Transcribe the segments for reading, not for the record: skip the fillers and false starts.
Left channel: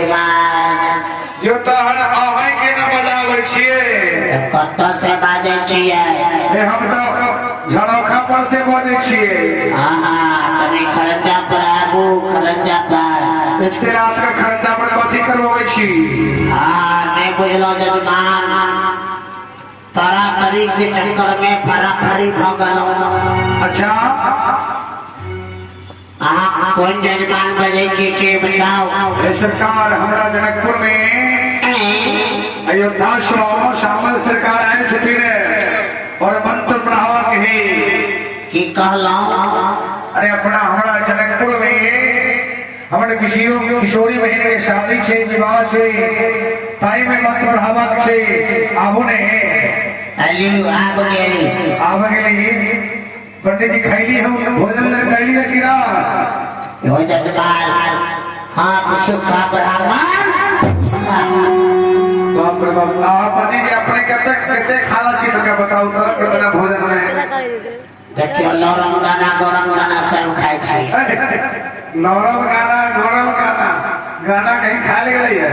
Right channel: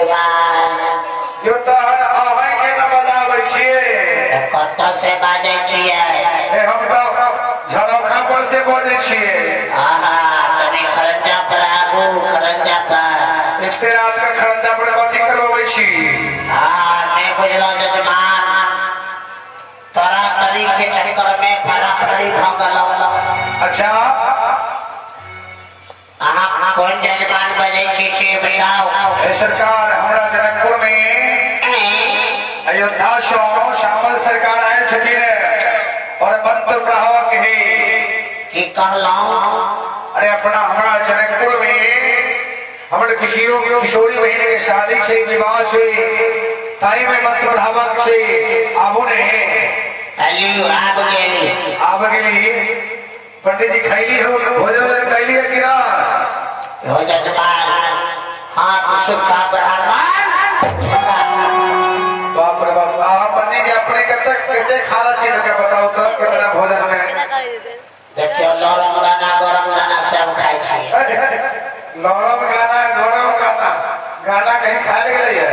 जजमान यो तहन अहाँ के न बजाबै छियै कत से बाजै छियै हम तो झड़ौखा पर से बोले छियै तनी खरंजा पर आबू खरंजा पर इतने रात का खरंजा पर कथी करबै छी नहीं बुझलो जजमान तोरा तरी के चक्कर में फराफरी भ गलो अच्छा अहाँ कौन जजमान बजै छी से बताओ सरकार हमरा जनकपुर में अयोध्या से शामल सरकार आए छथिन और मंत्र प्रभावक है की कहलो अरे अपना हमारा जनकपुर में हमारे किशोरी बहन के शादी छे विवाह छे ताई में मंत्र प्रभावक छे आबू ने आब गेली पंडित जी खैली हो भोजन कैली है कि ना हो जजमान हाथ सुखा ब्राह्मण बाप रे बाप पंडित जी अपने कते खाला छी तक बताओ तो कितना भोजन में देखियो नरम दाना गरम दाना सब खाई छी नरम गाना गाना कहीं खा ले गए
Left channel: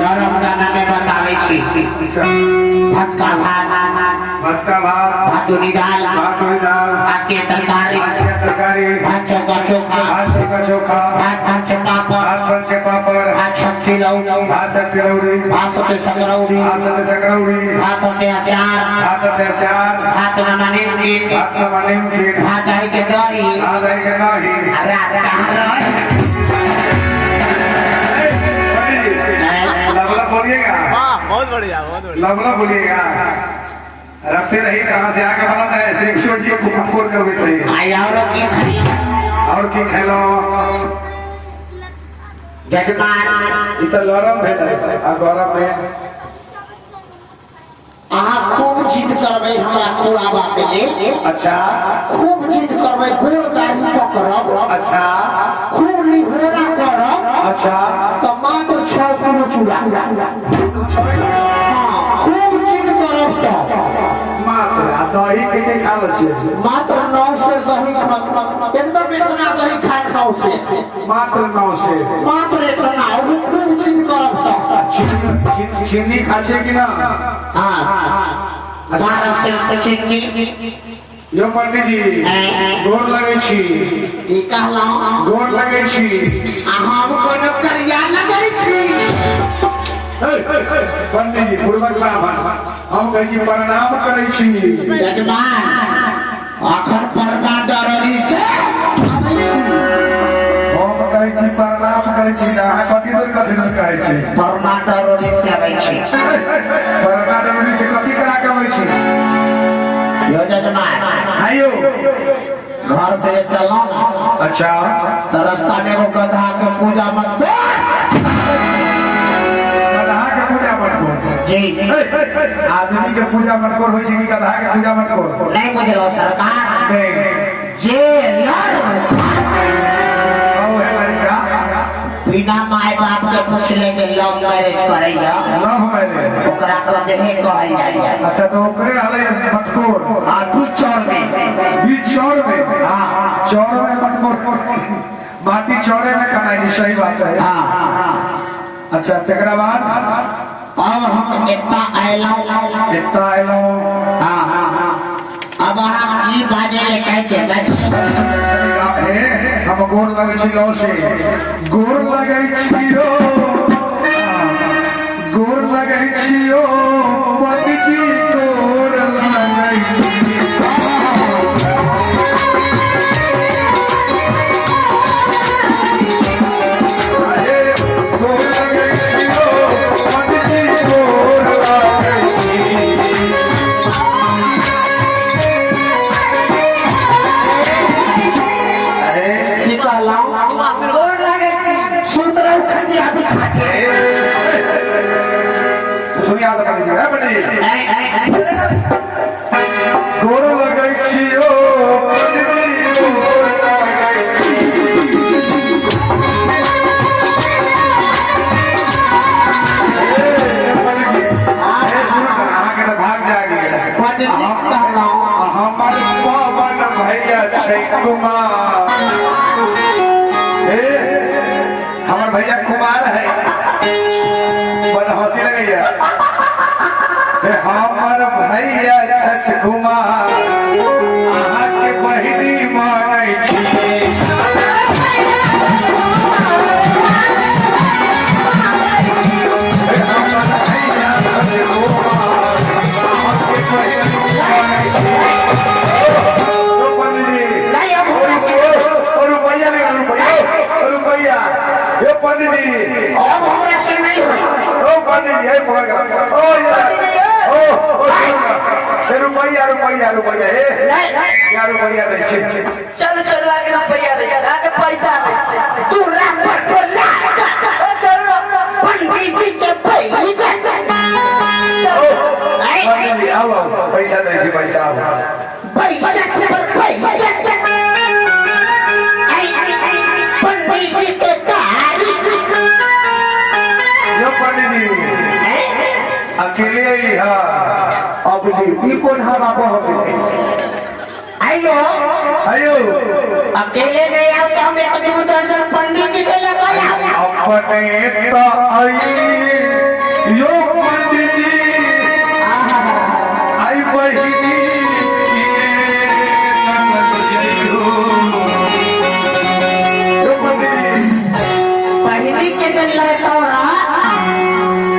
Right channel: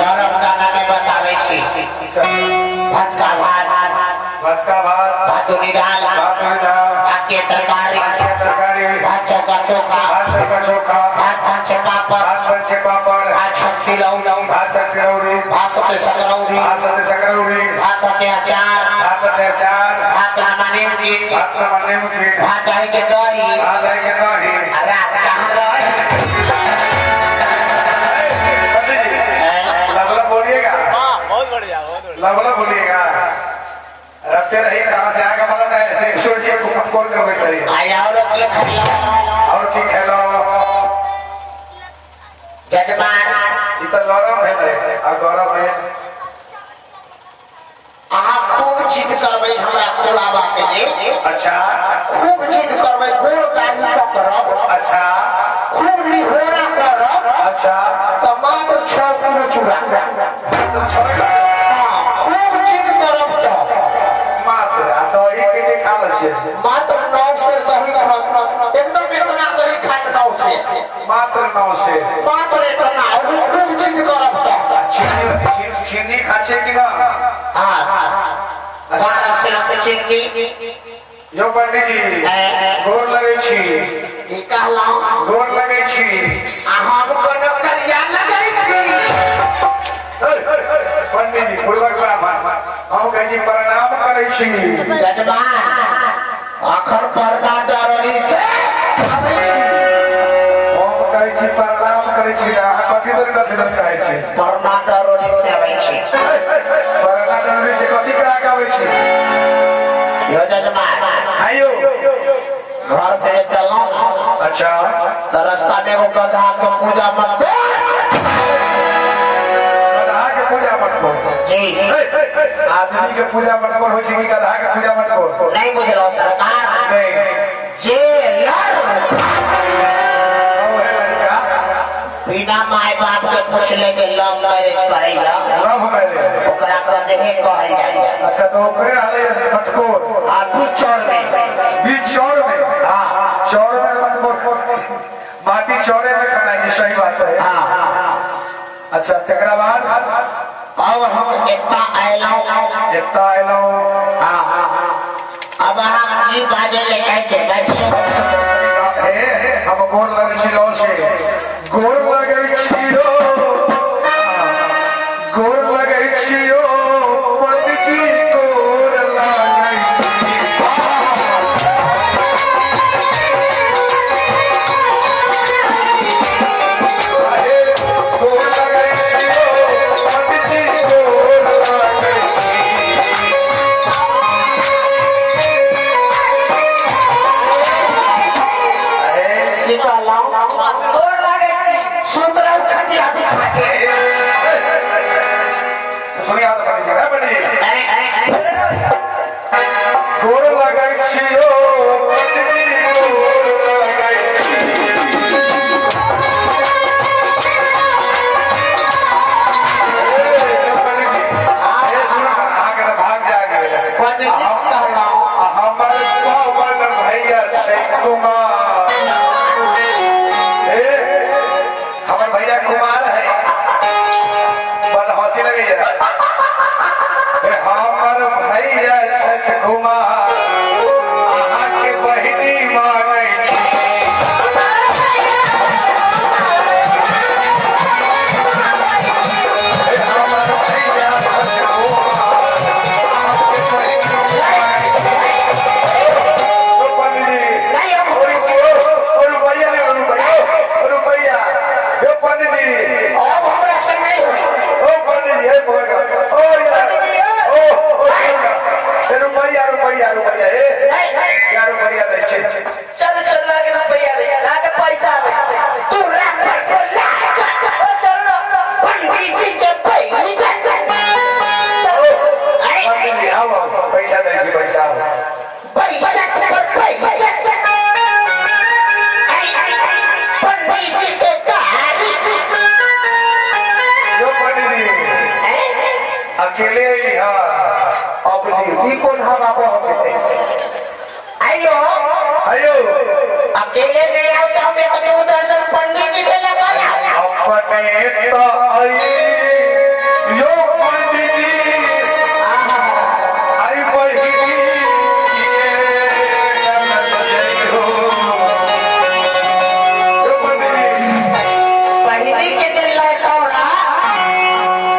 नरम दाना में बतावे छी भात का भात भातुनी दाल आके तरकारी भात चोखा भात पंच पापड़ भात शक्ति लौरी भात सते सकरौरी भात सते अचार भात नमने भात दही के दही रात कहाँ रहे बोलिएगा बहुत बढ़िया लगला बोलिएगा रखते रही कहाँ से आगे बढ़ा है सोचिए फुटफोड़ कर बैठे और की खेलो जजमान इतना लड़म है अब गौरव में अहाँ खूब जिद करबै हमरा खोलाबा के लिए अच्छा खूब जिद करबै गोल गाड़ी पकड़ब अच्छा खूब निहोरा करब अच्छा तो मात्र 6 किलो चूड़ा खूब जिद करब तो मात्र दही के खा ले मात्र 9 से दही एकदम इतना दही खा 9 से मात्र 9 से मात्र इतना खूब जिद करब तो चीनी खा छे कि ना बारह से चीनी यो पंडित जी गोर लगे छी ई कहलहुँ गोर लगे छी हम कोनो करिया लगै छी पंडित जी पूर्वक ब्राह्मण हम कहे जी प्रणाम करे छी जजमान अखर परना डरनी से आबै छी हम कहे छी प्रणाम करे छी अहाँ कथि दूर कहै छी परना डरनी से आबै छी परना डरनी से कथि करा के आबै छी यो जजमान आयो घर से चलो अच्छा तो रास्ता में एगो गधा के पूजा मत को गधा के पूजा मत को जी आदमी के पूजा मत को हो छी गधा के पूजा मत को नहीं बुझलो सरकार नहीं जे बिना माय बाप के पूछले के लव मैरिज करैया लव मैरिज ओकरा कहे कहल जाइए अच्छा तो ओकरे हले मटकोर बीच चौर में हां चौर में मटकोर माटी चौरे में खाना है सही बात है हां अच्छा तकरा बाद अब हम एकता आइलो हां अब हम ई बाजे ले कहै छै बैठिए हम गोर लगे छी लो से गोर लगे छियो पंडित जी गोर लगे गोर लगे छियो पंडित जी गोर लगे गोर लगे छी सूत्र खटिया बिछा के थोड़ी याद पड़ गया बड़ी गोर लगे छियो भाग जागे हमारे पवन भैया कुमार हमारे भैया कुमार है भैया हमर भैया छठ कुमार अहाँ के बहिनी मांगे छी हमर भैया छठ कुमार अहाँ के बहिनी मांगे छी रुपया ये पंडित जी अब हमरा से नहीं होई ओ पंडित जी हे बोल रुपया रुपया रुपया क्या रुपया दे चल चल लागे रुपया दे आगे पैसा दे तू रात पर बोला चल पंडित जी के पैसा पंडित जी आओ पैसा दे पैसा पैसा पर पैसा पंडित जी के कारी यो पंडित जी अकेले ही हाँ अपनी की कौन हाँ बाबा अकेले आयो आयो अकेले नहीं आओ तो हम एक दो दर्जन पंडित जी ले लेगा अपने तो आई यो पंडित जी आई बहिनी पहली के जल तोरा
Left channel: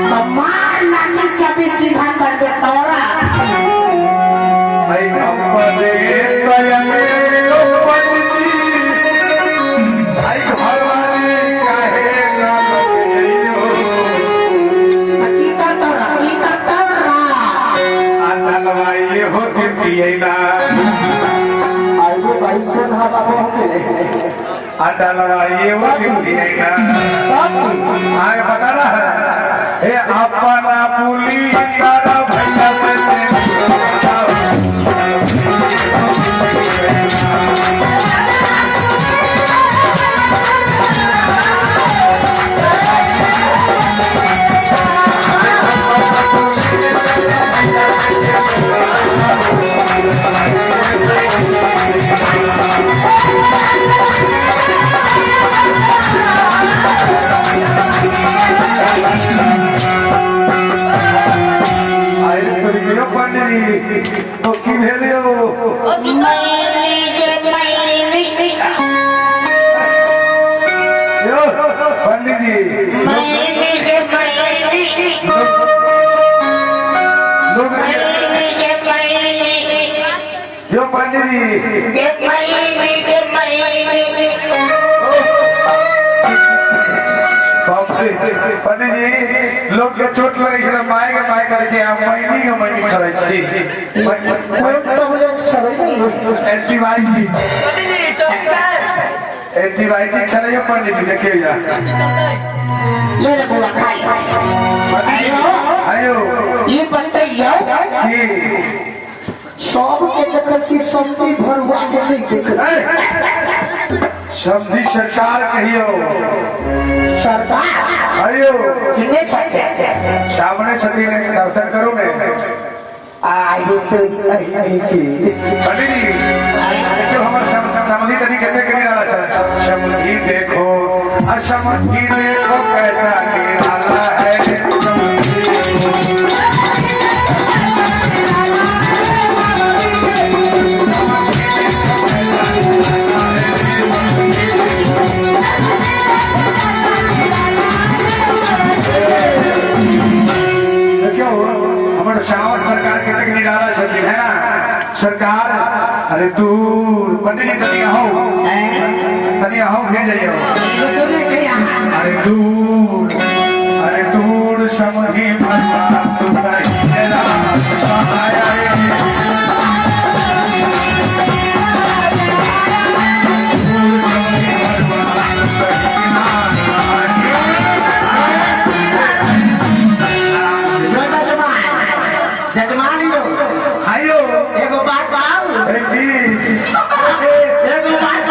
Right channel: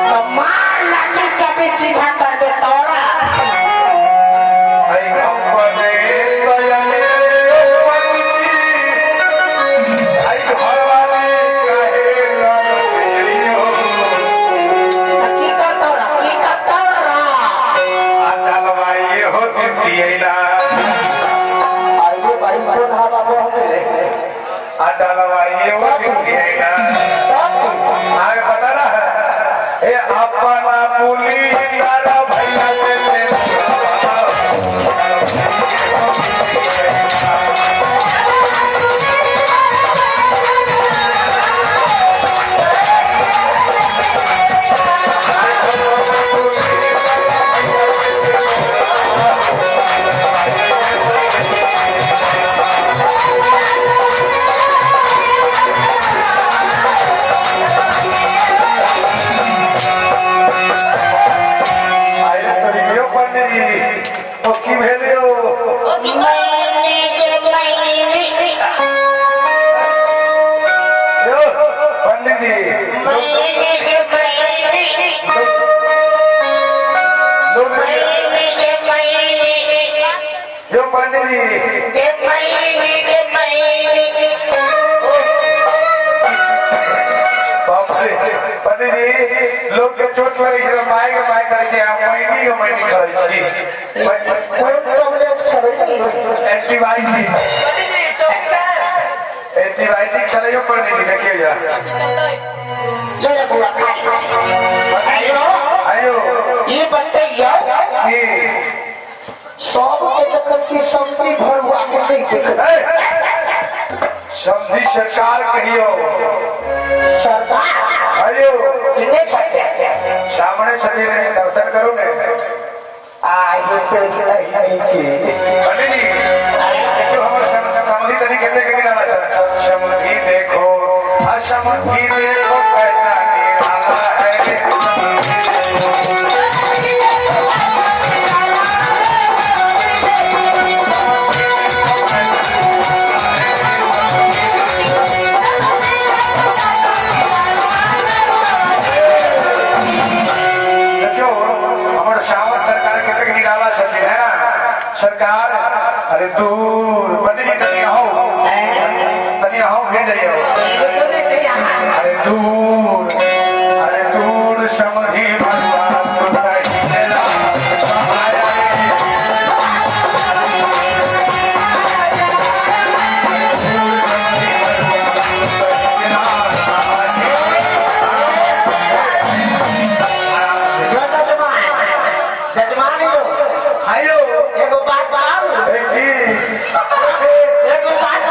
तो मार लाठी से अभी सीधा कर दे तोरा आई अपने बयाने यो पंडित जी आई घरवाली काहे लागत हो की करता आदलवाई हो दिएला आइए भाई कौन हा बाबू हमले आदलवाई हो दिएला आगे बता रहा है हे अपना पुली तारा भैया से तो की भेलियो पंडित जी यो पंडित जी पंडित जी लोग के चोट लगे छै माय के माय करे छै महीनी के महीनी करे छी एंटीबायोटिक चले पंडित जी देखिए जा ले रे बुआ खा आयो आयो ये बताइयो की सब के देखल छी समझी भरुआ के नहीं देखल समझी सरकार कहियो सरकार आयो कितने छते सामने छती ने दर्शन करो ने आयो तो नहीं की पंडित जी देखो हमर समझी तनी कहते कहीं डाला था समझी देखो असमझी देखो कैसा निराला है शावर सरकार के तक निराला छथि है ना सरकार अरे दूर पंडित जी तनी हो फिर जाइयो अरे दूर समझी भगवान जजमान लो आयो एगो बात बताओ एगो बात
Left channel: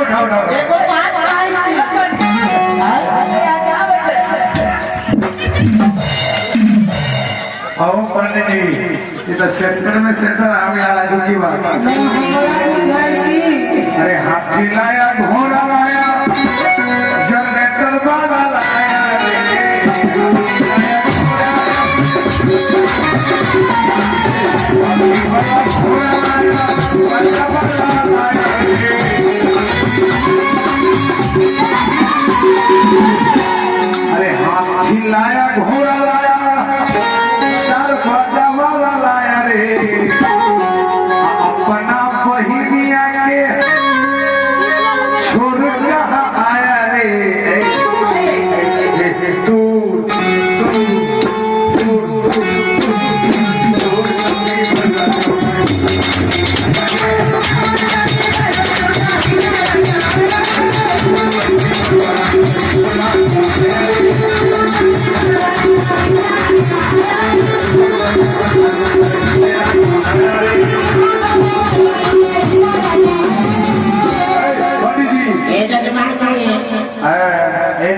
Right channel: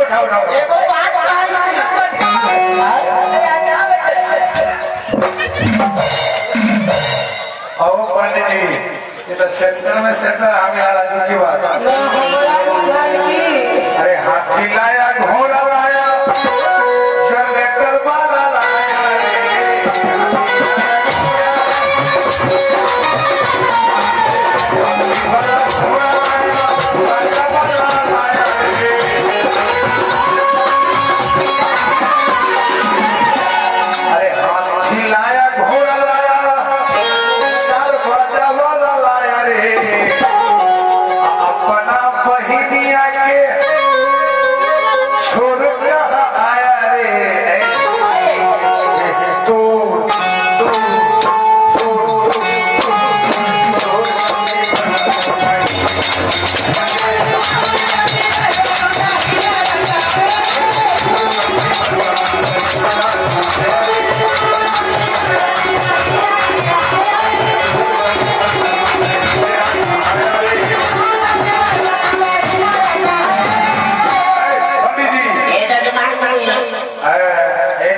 उठाओ एगो बात आओ पंडित जी ये तो सेंटर में सेंटर आगे आ रहा है की बात अरे हाथी लाया घोड़ा लाया जनरेटर वाला लाया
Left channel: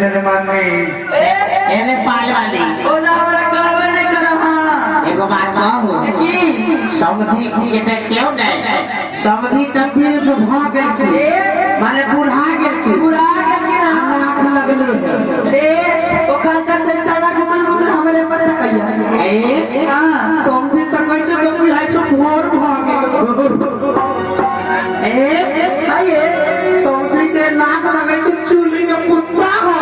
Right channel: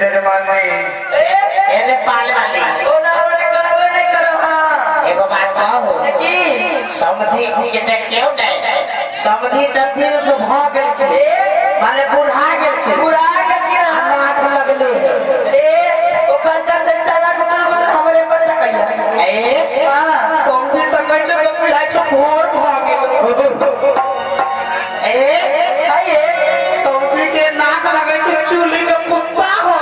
जजमान नहीं एने पाल वाली ओना हमरा कहबे नहीं करहा एगो बात कहू की समधी के देखियो नहीं समधी तब फिर जो भाग गेल माने बुढ़ा गेल पूरा के गिरा आंख लगले रे ओखन तक से साला गुटर गुटर हमरे पर तकैया ए हां समधी तक कहै छै बुढ़ा छै भोर भाग गेल ए आइए समधी के नाक लगे छै चूली के कुत्ता हो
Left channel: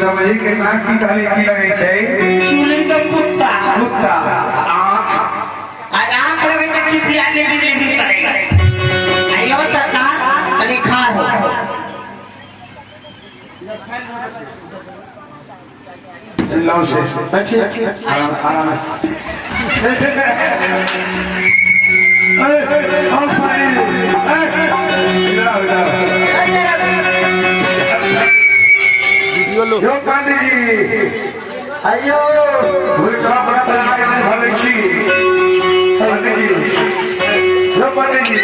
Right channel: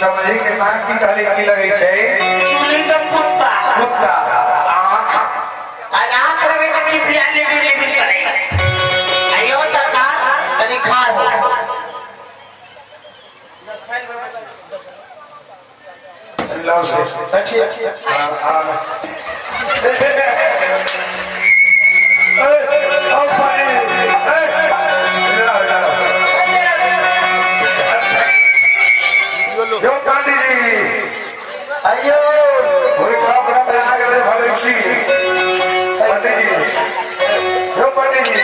समझे के नाक की डाली की लगे छै चूली के कुत्ता कुत्ता आँख आंख लगे छै कि पियाले भी करे आयो सरकार तनी खार हो लो से बैठिए आराम से आओ पानी यो पंडित जी अयो भूल का बड़ा तैयार कर भले छी पंडित जी यो पंडित जी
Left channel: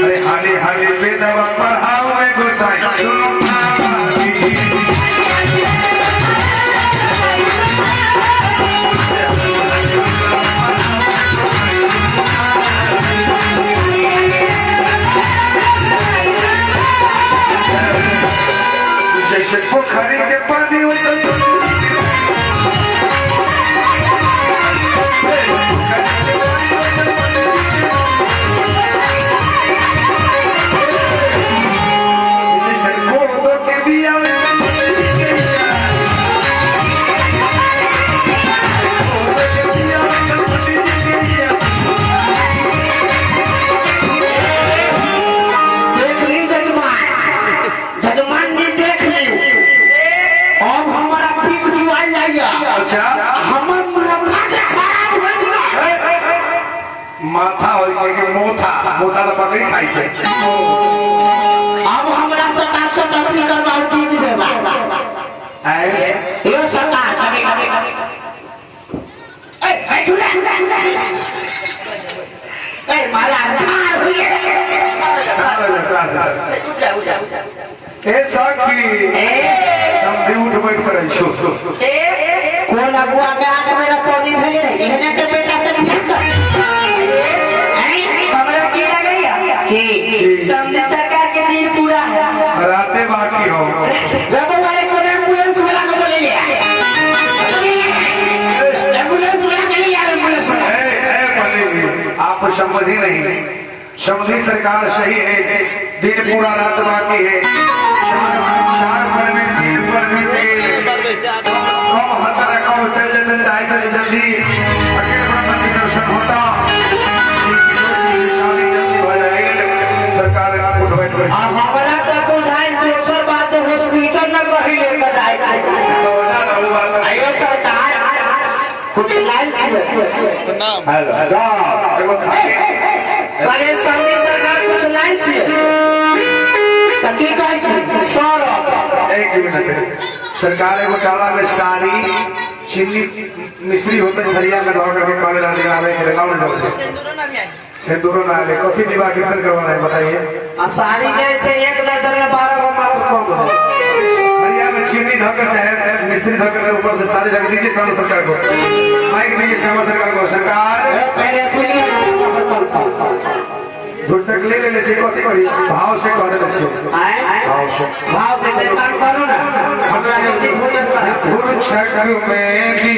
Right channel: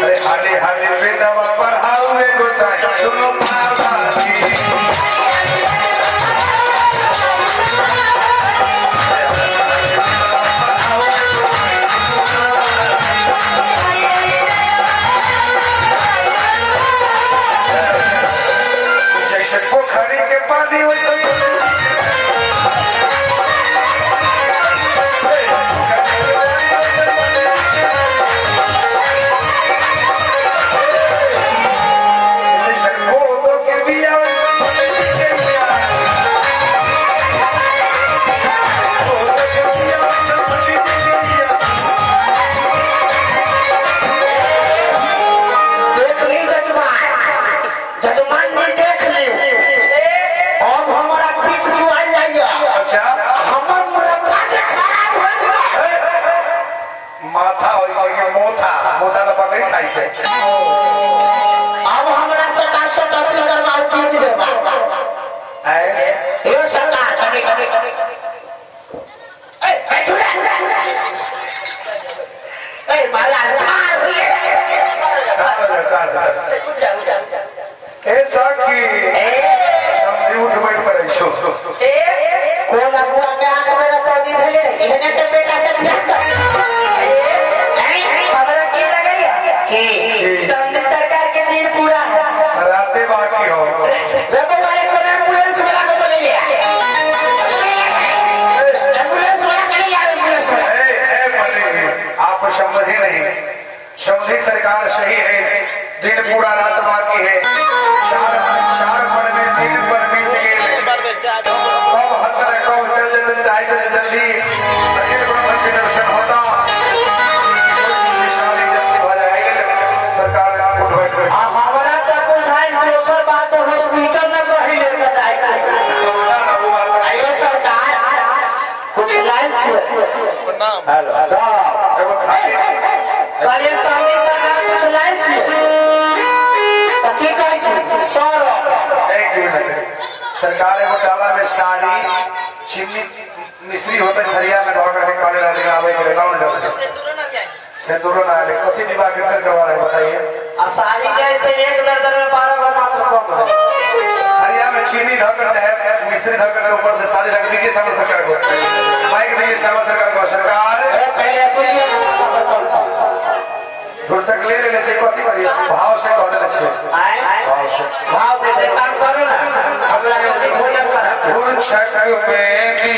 अरे हाली हाली बेदवा पढ़ाओ है गोसाई सुनो पापा जी जैसे पोखरी के पानी वैसे के भी देख ली जजमान ने देख ली अब हमारा पीठ जुआल जाइए अच्छा हमर माथा जे खराब हो गेला माथा होइ छै कि मोथा मोथा तो बकरी खाइ छै अब हमरा सटा सटा अथी करवा पीठ देबा यो सरकार कभी ए बैठू रे ए महाराज खार हुए उठ जा ए सखी समझी उठ बैठ पड़ै छौ ए कोन अगुआ के आंख में रतौनी भेले एहने के बेटा से बियाह कर हमरा की लगैया की समझी सरकार के दिन पूरा है राते बाकी हो रबो वाले को एम्बुलेंस वाला को बोले लिया एम्बुलेंस वाला के लिए एम्बुलेंस वाला आप समझे नहीं समझी सरकार सही है दिन पूरा रात बाकी है चार पर में दिन पर बीत गए कब हतर कब चल जाते जल्दी अखिल ब्रह्म के दर्शन होता शादी जल्दी हो जाएगी सरकार उठ बैठ हमारा तो बुझाई दूसर बात तो हॉस्पिटल में बही लेकर जाएगा आयो सरकार कुछ लाल छिए हेलो एगो खाई कले सामने सरकार कुछ लाल छिए त की कहै छै सौरभ एक मिनट सरकार एगो डाला में साड़ी चीनी मिश्री होता खरिया में दौड़ के काले लाने का आने के लाने जाते सिंदूर ना भी आई सिंदूरों ना आने कॉफी दिवा के अंदर करवा रहे बताइए आसानी जैसे एक दर्जन में 12 का मात्र कम है खरिया में चीनी धरकर चाहे मिश्री धरकर ऊपर से साड़ी धर दीजिए सामने सरकार को माइक दीजिए सामने सरकार को सरकार पहले अथी कौन सा थोड़ा सा ले लेने चाहिए कॉफी करिए भाव से कह देना चाहिए भाव से काम करो ना हमरा जल्दी भोजन कर धुन छक में भी